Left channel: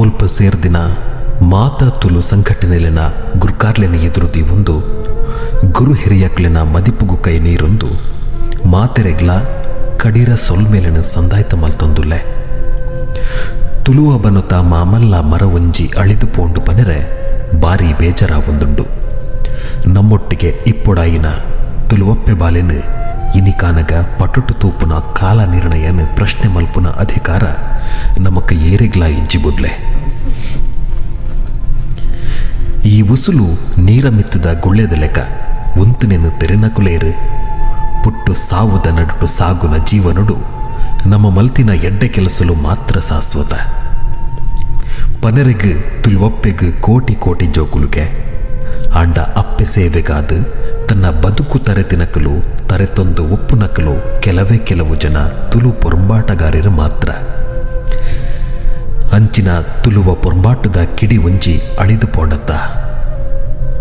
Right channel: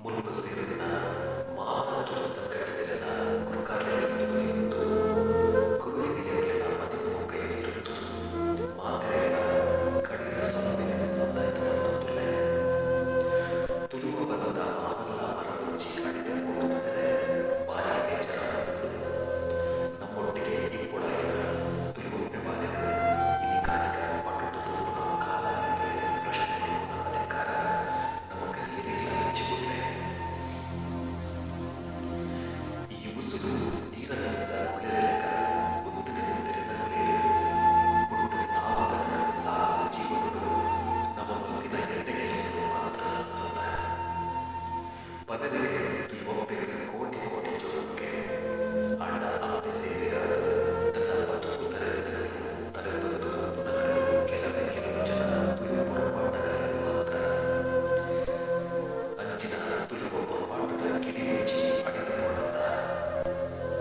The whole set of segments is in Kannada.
ಮುಲ್ಪ ಸೇರ್ದಿನ ಮಾತ ತುಲು ಸಂಘಟನೆಲಿನ ಗುರ್ಕಾರ್ಲೆನ ಎದುರುದಿ ಒಂದು, ಗುರು ಹಿರಿಯಕ್ಲೆನ ಮದಿಪುಗು ಕೈ ನೀರೊಂದು, ಮಾತೆರೆಗ್ಲ ಕಡೀರ ಸೊಲ್ಮೇಲಿನ ಸಂದಾಯ್ತ ಮಲ್ತೊಂದುಲ್ಲೆ. ತುಳುವ ತ ಮಾಮಲ್ಲ ಮರ ಒಂಜಿ ಅಳಿದು ಪೋಂಡು ಪನೆರೆ ಬಾರಿ ಬೇಜಾರಾವೊಂದುಂಡು ನಮ್ಮೊಟ್ಟಿಗೆ ಇಪ್ಪೊಡಾಯಿನ ತುಲುವಪ್ಪೆ ಬಾಲೆನು ತೂಪುನ ಕಾಲ ನಿರ್ಣಯನ ಪ್ರಶ್ನೆ ಮಲ್ಪುನ ಅಧಿಕಾರ ನಮಕ ಏರಿಗ್ಲ ಇಜ್ಜಿ ಬುದ್ಲೆ. ಈ ಉಸುಲು ನೀರ ಮಿತ್ತದ ಗುಳ್ಳೆದ ಲೆಕ್ಕ ಉಂತನೆನು ತೆರೆನಕುಲೇರು ಪುಟ್ಟು ಸಾವುದ ನಡುಟು ಸಾಗುನ ಜೀವನುಡು ನಮ್ಮ ಮಲ್ತಿನ ಎಡ್ಡೆ ಕೆಲಸಲು ಮಾತ್ರ ಶಾಶ್ವತ. ಪನರೆಗ್ ತುಲ್ವಪ್ಪೆಗು ಕೋಟಿ ಕೋಟಿ ಜೋಕುಲುಗೆ ಅಂಡ ಅಪ್ಪೆ ಸೇವೆಗಾದ ತನ್ನ ಬದುಕು ತರೆತಿನಕಲು, ತರೆತೊಂದು ಒಪ್ಪು ನಕಲು ಕೆಲವೇ ಕೆಲವು ಜನ ತುಲು ಪೊರಂಬಾಟಗಾರರು ಮಾತ್ರ. ಅಂಚಿನ ತುಲುವ ಪೊರಂಬಾಟದ ಕಿಡಿ ಒಂಜಿ ಅಳಿದು ಪೋಂಡತ್ತ.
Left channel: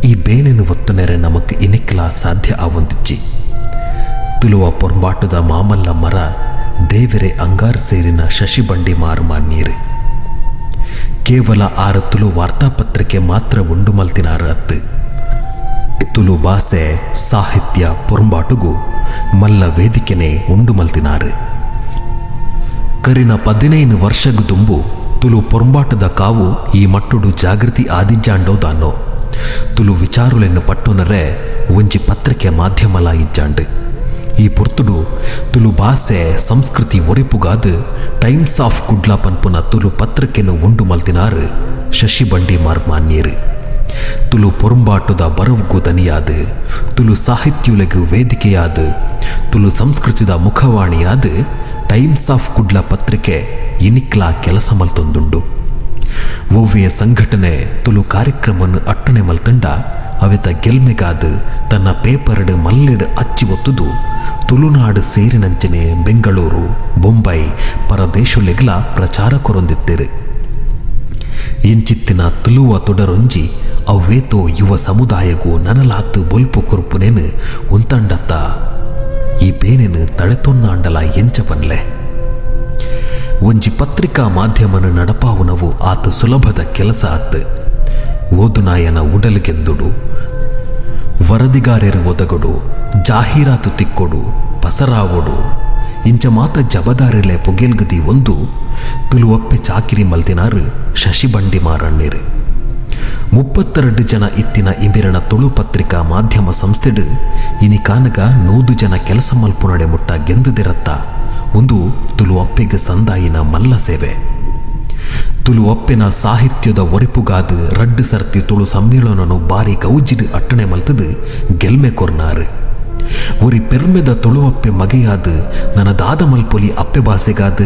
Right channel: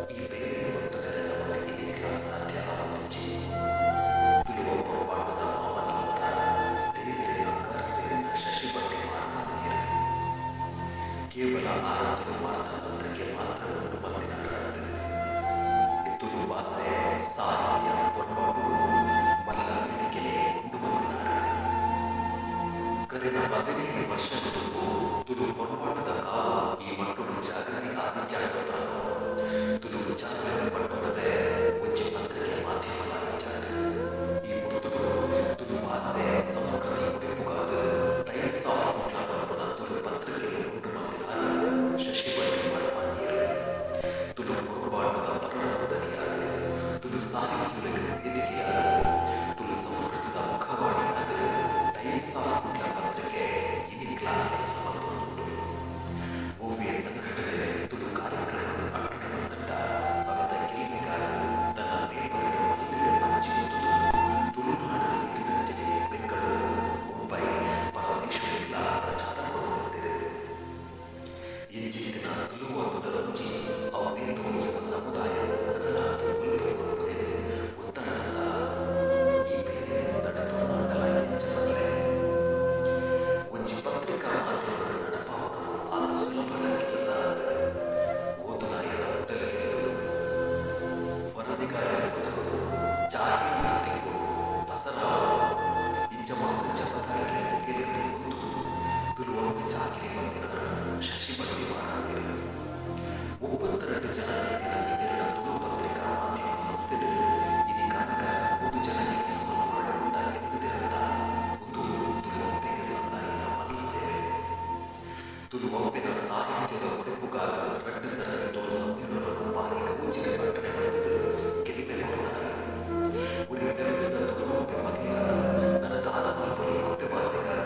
ಈ ಬೇನೆನು ಒತ್ತುನೆರೆ ನಮಕ್ ಇನಿಕ್ಲ ಸಾಧ್ಯ ಆವಂತಿಚ್ಚಿ. ತುಲುವ ಪೊರಂಬಾಟದ ಮಾಮಲ್ಲ ಮರ, ದೇವೆರೆ ಅಂಗಾರ್ ಸೇರಿನ ಶಶಿ ಬಂಡಿ ಮಾರ್ಮ ನೀರು. ಕೇವಲ ಆರು ತುಳು ವಾರ್ತಾಪತ್ರಿಕೆ ಮಾತ್ರ ಉಂಡು ಮಲ್ತಿನಾರ ಅತ್ತು. ತುಳು ಬಾಸೆ ಸಾಹಿತ್ಯ ಪೊರಂಬಾಟುಗು ಮಲ್ಲ ವೇದಿಕೆನೆ ಉಂಡು ಮಲ್ತಿನಾರು. ಕರಿನ ಪದಿನೈದು ವರ್ಷಗು ತುಂಬು ತುಲು ಪೊರಂಬಾಟದ ಕಾವು ಈ ಮಟ್ಟುಡು ಜಾಗೃತಿ ಆದಿಜ್ಜಾಂಡೋದಾನೋ. ತುಲು ವಿಚಾರುಲೆನ್ನು ಪಟ್ಟುನರೆ ಒಂಜಿ ಪತ್ರಿಕೆ ಮಾಧ್ಯಮಲ ಇಜ್ಜಾಂಡು. ಈ ಪೊರ್ತುಡು ತುಲು ಭಾಷೆ ಸಂಸ್ಕೃತಿ ಒರಿಪುಗಾದ ಟೈಮ್ಸ್ ಆಫ್ ಕುಡ್ಲಾ ಪನ್ಪುನ ತುಲು ಪತ್ರಿಕೆನು ಉಂಡು ಮಲ್ತಿನಾರು ಶಶಿ ಬಂಡಿ ಮಾರ್ಮಾನ್ಯರು. ತುಳು ಪೊರಂಬಾಟದ ಬರವುಗೂ ದನಿಯಾದ, ತುಳು ಸಾಹಿತ್ಯುಲಗು ವೇದಿಕೆಯಾದ, ತುಳು ಸಂಸ್ಕೃತಿದ ಮುಖವಾಣಿಯಾದ, ಟೈಮ್ಸ್ ಆಫ್ ಕುಡ್ಲ ಪತ್ರಿಕೆ ಇನಿಕ್ಲ ಕೆಲಸ ಮಲ್ತೊಂದುಂಡು. ಒವ್ವೆಯ ಸಂಘಟನೆ ತುಳು ಕಾರ್ಯಕ್ರಮವನ್ನು ಅಟ್ಟಣೆ ಮಲ್ತಂಡ, ಅವೆತ ಗೆಲ್ಮೆಗಾದ ತನ್ನ ಪೇಪರ್ಡ್ ಮಲ್ಲೆಡ್ ಅಚ್ಚಿ ಒತ್ತುದು, ತುಳುನಾಡು ಸೇರಿನಂಚನೆ ಬೆಂಗಳೂರು, ಬೊಂಬೈ ಪ್ರಚಾರ ಇಂಚಿತ್ತಿನ ತುಲುವ ತೊಡರೊಂಜಿ ಅವ್ವೇತೋ ಯುವ ಸಮುದಾಯಗೂ ನನಲಾತು ಬೊಲ್ಪು ಕುರುಪುನೇನು ಉಂತಂಡತ್ತ. ಈ ಬೇನೆನು ತಳೆತೊನ್ನಾಂಡಲ ಎಂಚ ಪನ್ಲೆ ಒಂಜಿ ಪತ್ರಿಕಾ ಮಾಧ್ಯಮನ ನಡಪಾವುನವು ಆತ ಸುಲಭದ ಕೆಲಸ ಆತ್ ಓದುನಾಯನ ಉಡಲಿಗೆಂದುಡು, ವರದಿಗಾರರು ಒದಗಡು, ಜಾಹೀರಾತು ತಿಕ್ಕೊಡು, ಪಸರಾವೊಡು. ಇಂಚ ಮಾತ ಜಬದಾರಿಲೆ ಪೊಗೆಲ್ಗದಿ ಒಂದು, ತುಲುವಪ್ಪೆ ಚಾಕಿರಿ ಮಲ್ದಿನಾರು ಶಶಿಬಂಡಿ ಮಾರಣ್ಣೀರು. ಮುಪ್ಪತ್ತೆರಡು ಜನ ಇತ್ತಿನ ಇಂಬಿರಣ ತುಳು ಪತ್ರಿಕಾ ಮಾಧ್ಯಮ ಸಂಸ್ಥೆಡು ಇನಿ ಕಾನಗ ನೂದು ಜನ ಕೆಲಸ ಮಲ್ಪುನಡೆ ಮುಟ್ಟ ಗೆಂದುದಿರತ್ತ ಒಂದು ತುಲುವಪ್ಪೆಗೆ ಸಂದಾಯಿನ ಮಲ್ಲ ಸೇವೆ. ತುಲುವಪ್ಪೆನ ಸಾಹಿತ್ಯದ ಒರಿಪುಗಾದು ರಡ್ಡು ಸರ್ತಿ ತುಳು ಸಮ್ಮೇಳನನು ಬಾರಿ ಗೌಜಿಡು ಅಟ್ಟಣೆ ಮಲ್ತದು ಗೆಲ್ಮೆ ಕೊರ್ನಾರು. ಒರಿ ಪೆರ್ಮೆದ ತುಳುವಪ್ಪೆ ಮಗೆಯಾದ ನನ್ನ ದಾದ ಮಲ್ಪೊಲಿ ಅಪ್ಪೆ ಭಾಸೆಗಾದ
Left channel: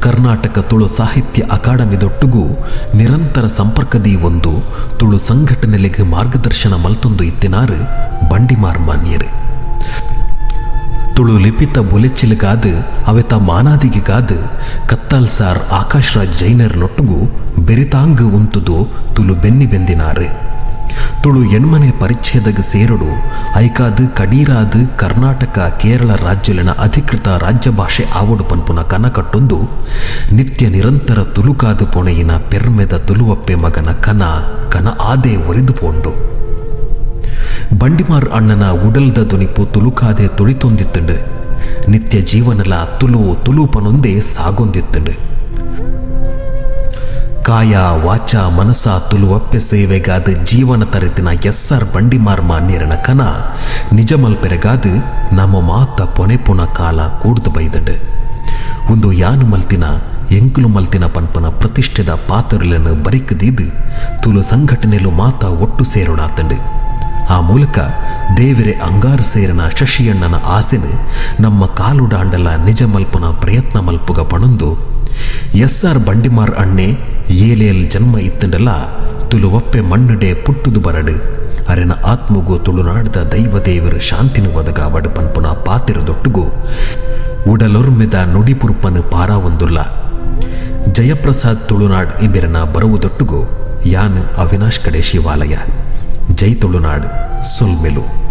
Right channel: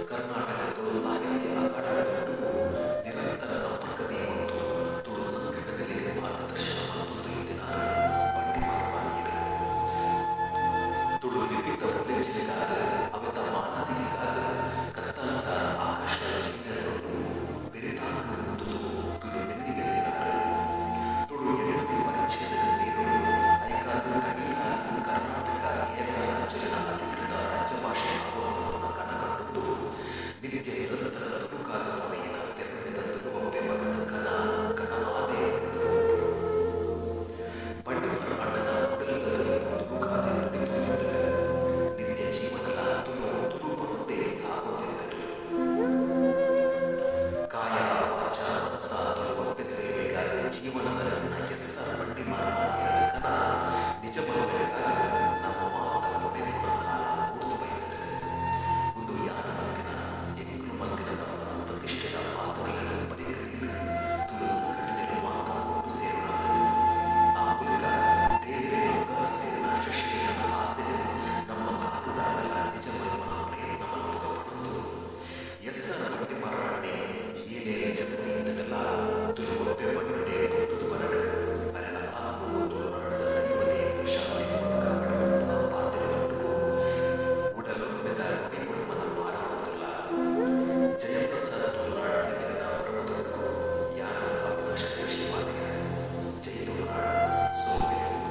ಕರ್ನಾಟಕ ತುಳು ಸಾಹಿತ್ಯ ಅಕಾಡೆಮಿದೊಟ್ಟಿಗೂ ನಿರಂತರ ಸಂಪರ್ಕದಿ ಒಂದು ತುಳು ಸಂಘಟನೆಲೆಗೆ ಮಾರ್ಗದರ್ಶನ ಮಲ್ತೊಂದು ಇತ್ತಿನಾರು ಬಂಡಿಮಾರ್ ಮಾನ್ಯರು ತುಳು ಲಿಪಿತ ಬೊಲೆಚ್ಚಿಲಗಾದ ಅವೆತ ಮಾನಾದಿಗೆಗಾದ ಕತ್ತಲ್ ಸಾರ್ ಜೈನರ್ ನೊಟ್ಟುಗು ಬೆರಿತಾಂಗ್ ಉಂತುದು ತುಳು ಬೆನ್ನಿ ಬೆಂದಿನಾರು ತುಳು ಎಣ್ಮನೆ ಪರಿಚ್ಛೇದಗ ಸೇರಡು, ಐಕಾದ್, ಕಡೀರಾದ, ಕರ್ನಾಟಕ, ಕೇರಳ ರಾಜ್ಯಲಿನ ಅಧಿಕೃತ ರಾಜ್ಯ ಭಾಷೆ ಆವಡು ಪನ್ಪುನ ಕನಕಟ್ಟೊಂದು, ನಿತ್ಯ ನಿರಂತರ ತುಳುಕಾದು ಪೊಣೆಯಿನ ಪೆರ್ಮೆದ ತುಲುವಪ್ಪೆ ಮಗನ ಕನ ಕನ ಆದೇ ಒರೆದು ಪೋಂಡು. ಬಂಡಿಮಾರ್ ಅಣ್ಣನ ಉಡಲ್ದ ದುನಿಪು ತುಳುಕಾದೆ ತುಳಿತೊಂದಿತ್ತಂಡು, ನಿತ್ಯ ಜೀವನಲ ತುಳು ತುಳುಪನೊಂದೇ ಸಾಗೊಂದಿತ್ತಂಡು. ಕಾಯ ವಾಚ ಮನಸ ತುಳುವಪ್ಪೆ ಸೇವೆಗಾದ ಜೀವನ ತರೆತಿನ ಆರ್ ಬಂಡಿಮಾರ್ ಮಾನ್ಯರನ ಕನ. ನಿಜ ಮಲ್ಪೆರೆಗಾದ ನಮ್ಮ ಮಾತ ಪೊನೆ ಪುನ ಕಾಲ ಕೂಡ್ದು ಬೈದಂಡು. ಒಂದು ಯಾನು ಮಲ್ತಿನ, ಎಂಕುಲು ಮಲ್ತಿನ ಪನ್ಪನ ಪ್ರತಿಷ್ಠೆದ ಪಾತ್ರಲನ್ನು ಬರಿಕದಿದ್ದು ತುಲು ಸಂಘಟನೆಲು ಮಾತ ಒಟ್ಟು ಸೇರೋಡಾತಂಡು. ಆ ಮೂಲಕ ದೇವರೆ ಅಂಗಾರ ಸೇರಿನ ಶಶಿಯಣ್ಣನ ಆಸೆನು ನಮ್ಮ ಕಾಲುಡಾಂಡಲ ನಿಜ ಮಲ್ಪುನ ಪ್ರಯತ್ನ ಮಲ್ಪುಗ ಪಣಂದು ಎಸ್ ಆರ್ ಬಂಡಿಮಾರ್ ಅಣ್ಣೆ ಏಲೇಲ್ ಜನ್ಮ ಇತ್ತಂಡಲ ತುಳುವಪ್ಪೆ ಮಣ್ಣುಡೆ ಪುಟ್ಟುದು ಬರಡು. ಅರೆನ ಆತ್ಮಗೂ ತುಳುನಾಡದ ದೈವ ದೇವರು ಶಾಂತಿನ ಒದಗ ವಡಪನ್ಪುನ ಪಾತಿರದೊಟ್ಟುಗು. ಉಡಲೊರ್ಮೆದ ನುಡಿಪುರ್ಪನು ಪಾರಾವೊಂದುಲ್ಲ ಜಯಪ್ರಸಾದ್ ತುಳುನಾಡ್ ಇಂಬಿರನ ಬರುವುದೊಟ್ಟುಗೂ, ಯಾನ್ ಅವಿನಾಶ್ ಕಡೆ ಶಿವಾಲಯ. ಜೈ ತುಳುನಾಡ್, ಸೊಲ್ಮೆಲು.